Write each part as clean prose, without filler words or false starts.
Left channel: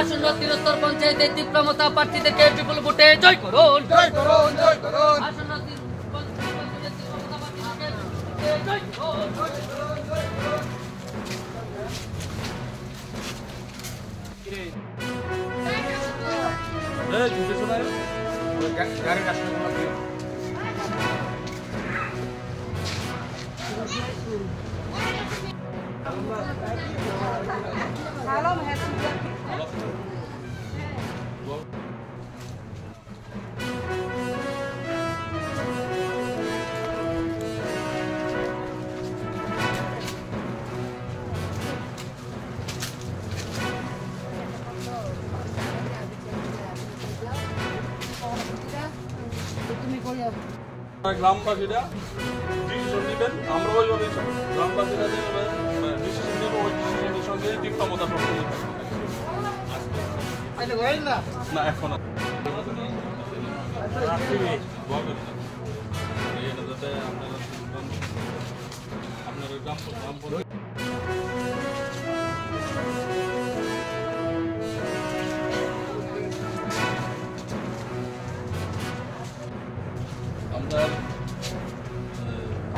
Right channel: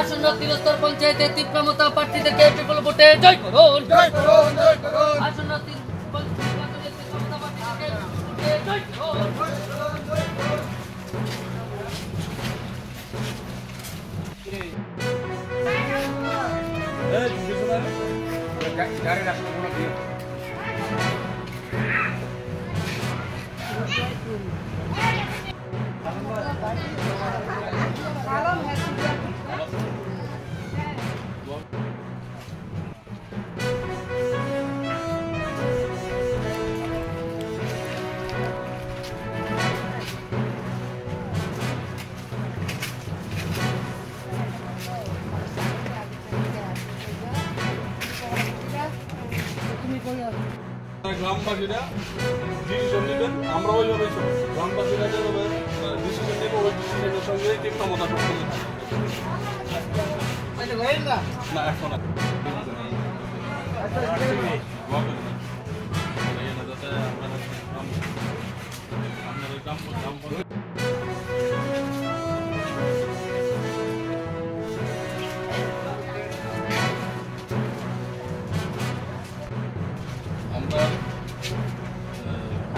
আসন্ন তিরস্তর পঞ্চায়েতে তীব্রমতা প্রার্থীদেরকে বিপুল ভোটে জয় করুন। আসন্ন গাড়ির রাস্তা গ্রামবাসীরা ডিসিশন নেবেন, আমরা ওইভাবেই চলব। গ্রামবাসীরা যেভাবে ডিসিশন নেব ওই ডিসিশনের সঙ্গে তীব্রমতা সম্পন্ন থাকবে না। এখন যাতে আপনারা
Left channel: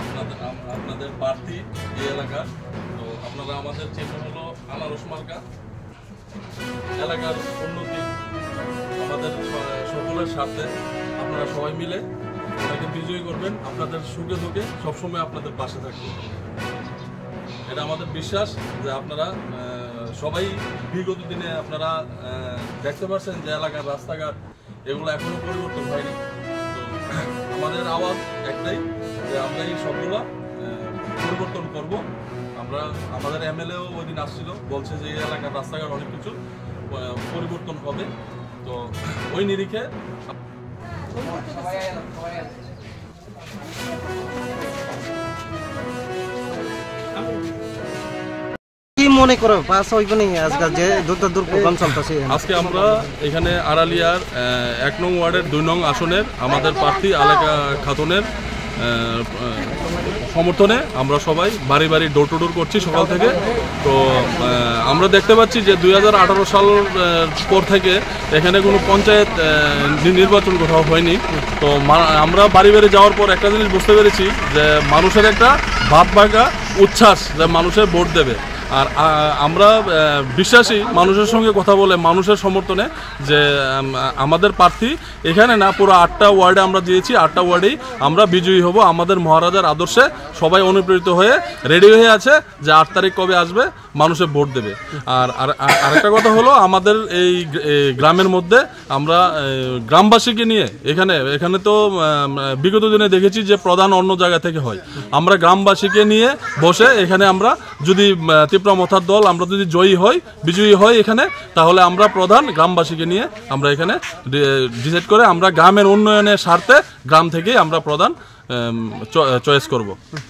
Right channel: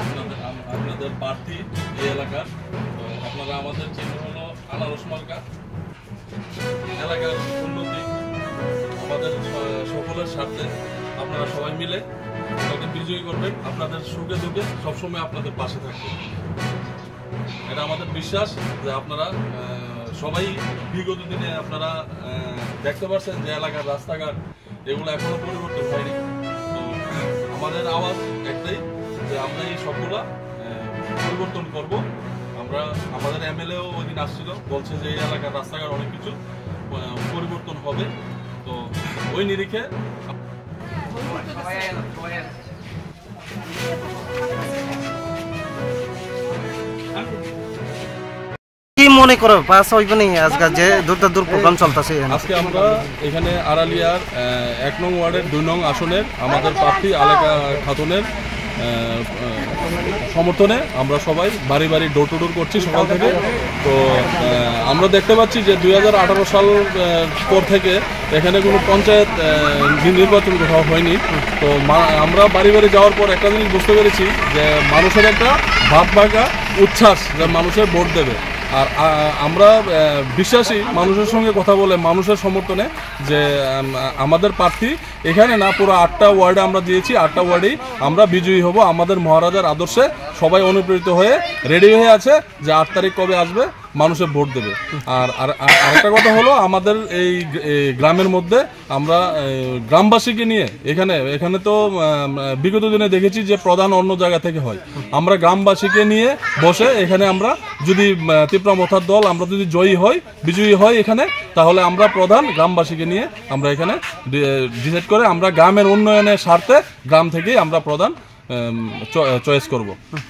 আপনার গ্রাম আপনাদের প্রার্থী এই এলাকার, তো আপনারা আমাদের চিহ্ন হলো আনারস মার্কা। এলাকার উন্নতি আমাদের সকলের স্বার্থে আপনারা সবাই মিলে ওনাকে বিজয়ী করবেন। আপনাদের সুখে দুঃখে সবসময় আপনাদের পাশে থাকবে, এটা আমাদের বিশ্বাস। যে আপনারা সবাই বিগত দিনে আপনারা দেখতে পাচ্ছেন যে এলাকার রাস্তাঘাট এগুলো এখনো পরিবর্তন হয়নি। তো আমাদের আওয়াজ একটাই যে আমরা এই সবগুলা পরিবর্তন করব। আমরা আমাদের এমএলএও ওই দিন আসছিল, বলছে যে এই এলাকার রাস্তাঘাট অনেক কিছু পরিবর্তন হবে। তো ওই নিরিখে কি মনে করো পাস হইবে না আজকে যে দূর প্রোগ্রাম চলতেছে? আজকে আমরা এখানে আড়ালিয়ার 1 নং ওয়ার্ডের 2 নং আসনের আমাদের প্রার্থী আলেকা খাতুনের সমর্থনে আমরা সবাই বাড়ি বাড়ি ডোর টু ডোর করছি সকাল থেকে। তো আমরা দেখতে পাচ্ছি যে 2018 সাল পর থেকে এখানে কোনো পঞ্চায়েত নির্বাচন কোথাও হয়নি। তো আমরা বাড়ি বাড়ি যাওয়ার পর একটা জিনিস বুঝতে পেরেছি যে মানুষের একটা ভাব ভাগা উচ্ছ্বাস যে মানুষের ভোট দেবে। আর আমরা বিশ্বাসী মানুষের সঙ্গে কথা বলে মানুষের সমর্থনে যে আমাদের প্রার্থী এখানে না পুরো 8টা ওয়ার্ডে আমরা দিয়েছি, 8টা ওয়ার্ডেই আমরা বিজয়ী হব। আমাদের মহারাজার আদর্শে সবাই অনুপ্রেরিত হয়ে রেডি হয়ে আছে যে 8 তারিখ কবে আসবে মানুষের ভোট দেবে। আর আরেকটা কথা হলো আমাদের এই গ্রামের মধ্যে আমরা গ্রামবাসীকে নিয়ে এখানে তো বিগত দিনে দেখেছি যে প্রধান অন্য জায়গা থেকে হয়। আমরা গ্রামবাসীকে নিয়ে বসে এখানে আমরা যদি তীব্রমতার দল আমরা যদি বিজয়ী হই এখানে, তাহলে আমরা প্রধান গ্রামবাসীকে নিয়ে আমরা এখানে ডিসাইড করে আমরা গ্রামের উন্নয়নের স্বার্থে গ্রাম থেকেই আমরা প্রধান চয়েস করব।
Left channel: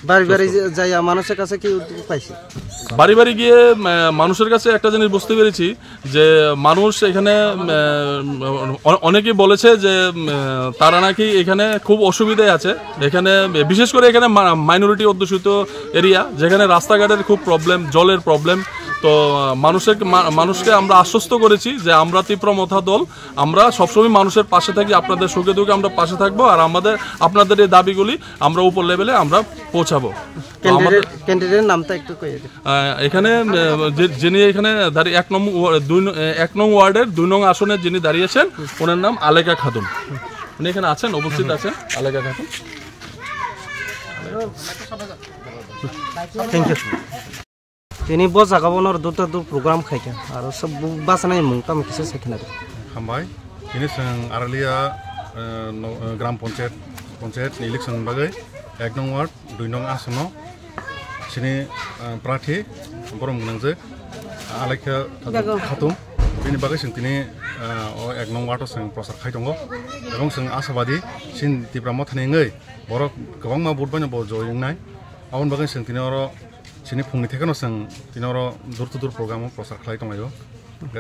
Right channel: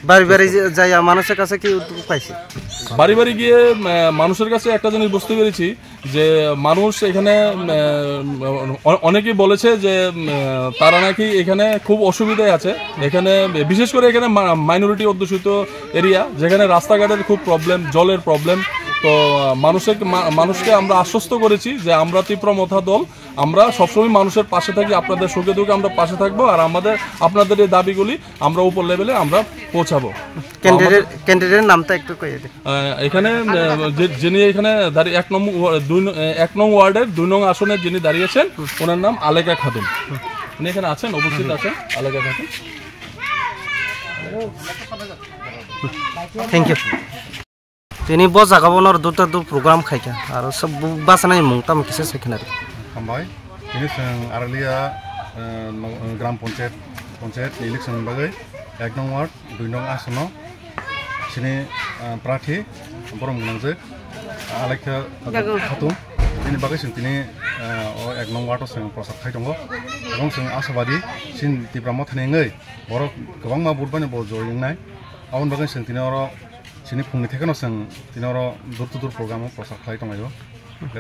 বাড়ি বাড়ি যাই মানুষের কাছে কি উদ্যোগ পাইছে? বাড়ি বাড়ি গিয়ে মানুষের কাছে একটা জিনিস বুঝতে পেরেছি যে মানুষ এখানে অনেকেই বলেছে যে তারা নাকি এখানে খুব অসুবিধায় আছে। এখানে বিশেষ করে এখানে মাইনরিটি অধ্যুষিত এরিয়া, যেখানে রাস্তাঘাটের খুব প্রবলেম, জলের প্রবলেম। তো মানুষকে আমরা আশ্বস্ত করেছি যে আমরা তীব্রমতা দল, আমরা সবসময় মানুষের পাশে থাকি, আপনাদের সুখে দুঃখে আমরা পাশে থাকবো। আর আপনাদের এই দাবিগুলি আমরা উপর লেভেলে আমরা পৌঁছাবো। ক্যান্ডিডেটের নামটা একটু কইয়ে দিন। এখানে যিনি এখানে 1 নং ওয়ার্ডের 2 নং আসনের যিনি দাঁড়িয়েছেন ওনার নাম আলেকা খাতুন। উনি এখানে আছেন, উপস্থিত আছেন আলেকা খাতুন। Thank you. তিনি বস জাগাবনৰ দুটা প্ৰগ্ৰাম খাইকা আৰু সব বাসনাই মুংতা মিছে সেখানে হামবাই তিনি जों আরলিয়া গ্রাম পঞ্চায়েত ইলেকশন বাগৈ 1 নং ওয়ার্ড 2 নং আসন সিনি প্রার্থী বরম গনাংজে আলেকা খাতুন তিনি বাগৈ जों তিনি 1 নং ওয়ার্ডआव जों प्रसार खाइ दङ এবং जों आशाबादी सिन তীব্রমতাनि ngै बर गोबां मा बुट बानो ब जयनाय आउन बागै जों তিনি सिनि फुंनि थेखनो जों तिनर दूर टू दूर प्रग्राम प्रसार खालाय दंगायो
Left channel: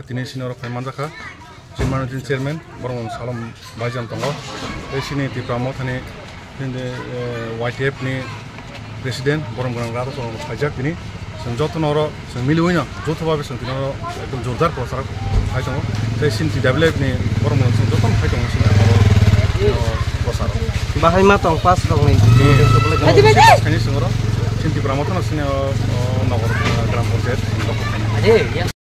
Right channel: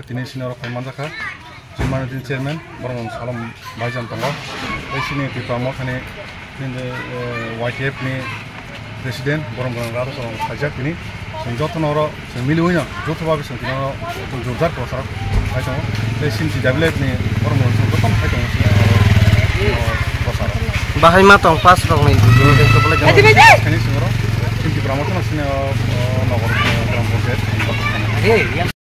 तिनि सिनर फाइमान जाखा जिमानजिन चेयरमैन बरमन सालम भाईजान दङ बे सिनि তীব্রমতাनि YTF नि प्रेसिडेंट बरमगन राजो साइजा तिनि जों जतनर जों मिलुइनो जथोबाबो जों तिनो एकदम जोरदार प्रचार खाइ दङ बे सिमथि दाबिलेटनि बरमन जों जतन खाइ दङ प्रचार बाहाय मा दं पास दं नै देंखोबले जों खायनि सिङाव सिमथि ब्राह्मण सिने नगर ग्राम पन्चायत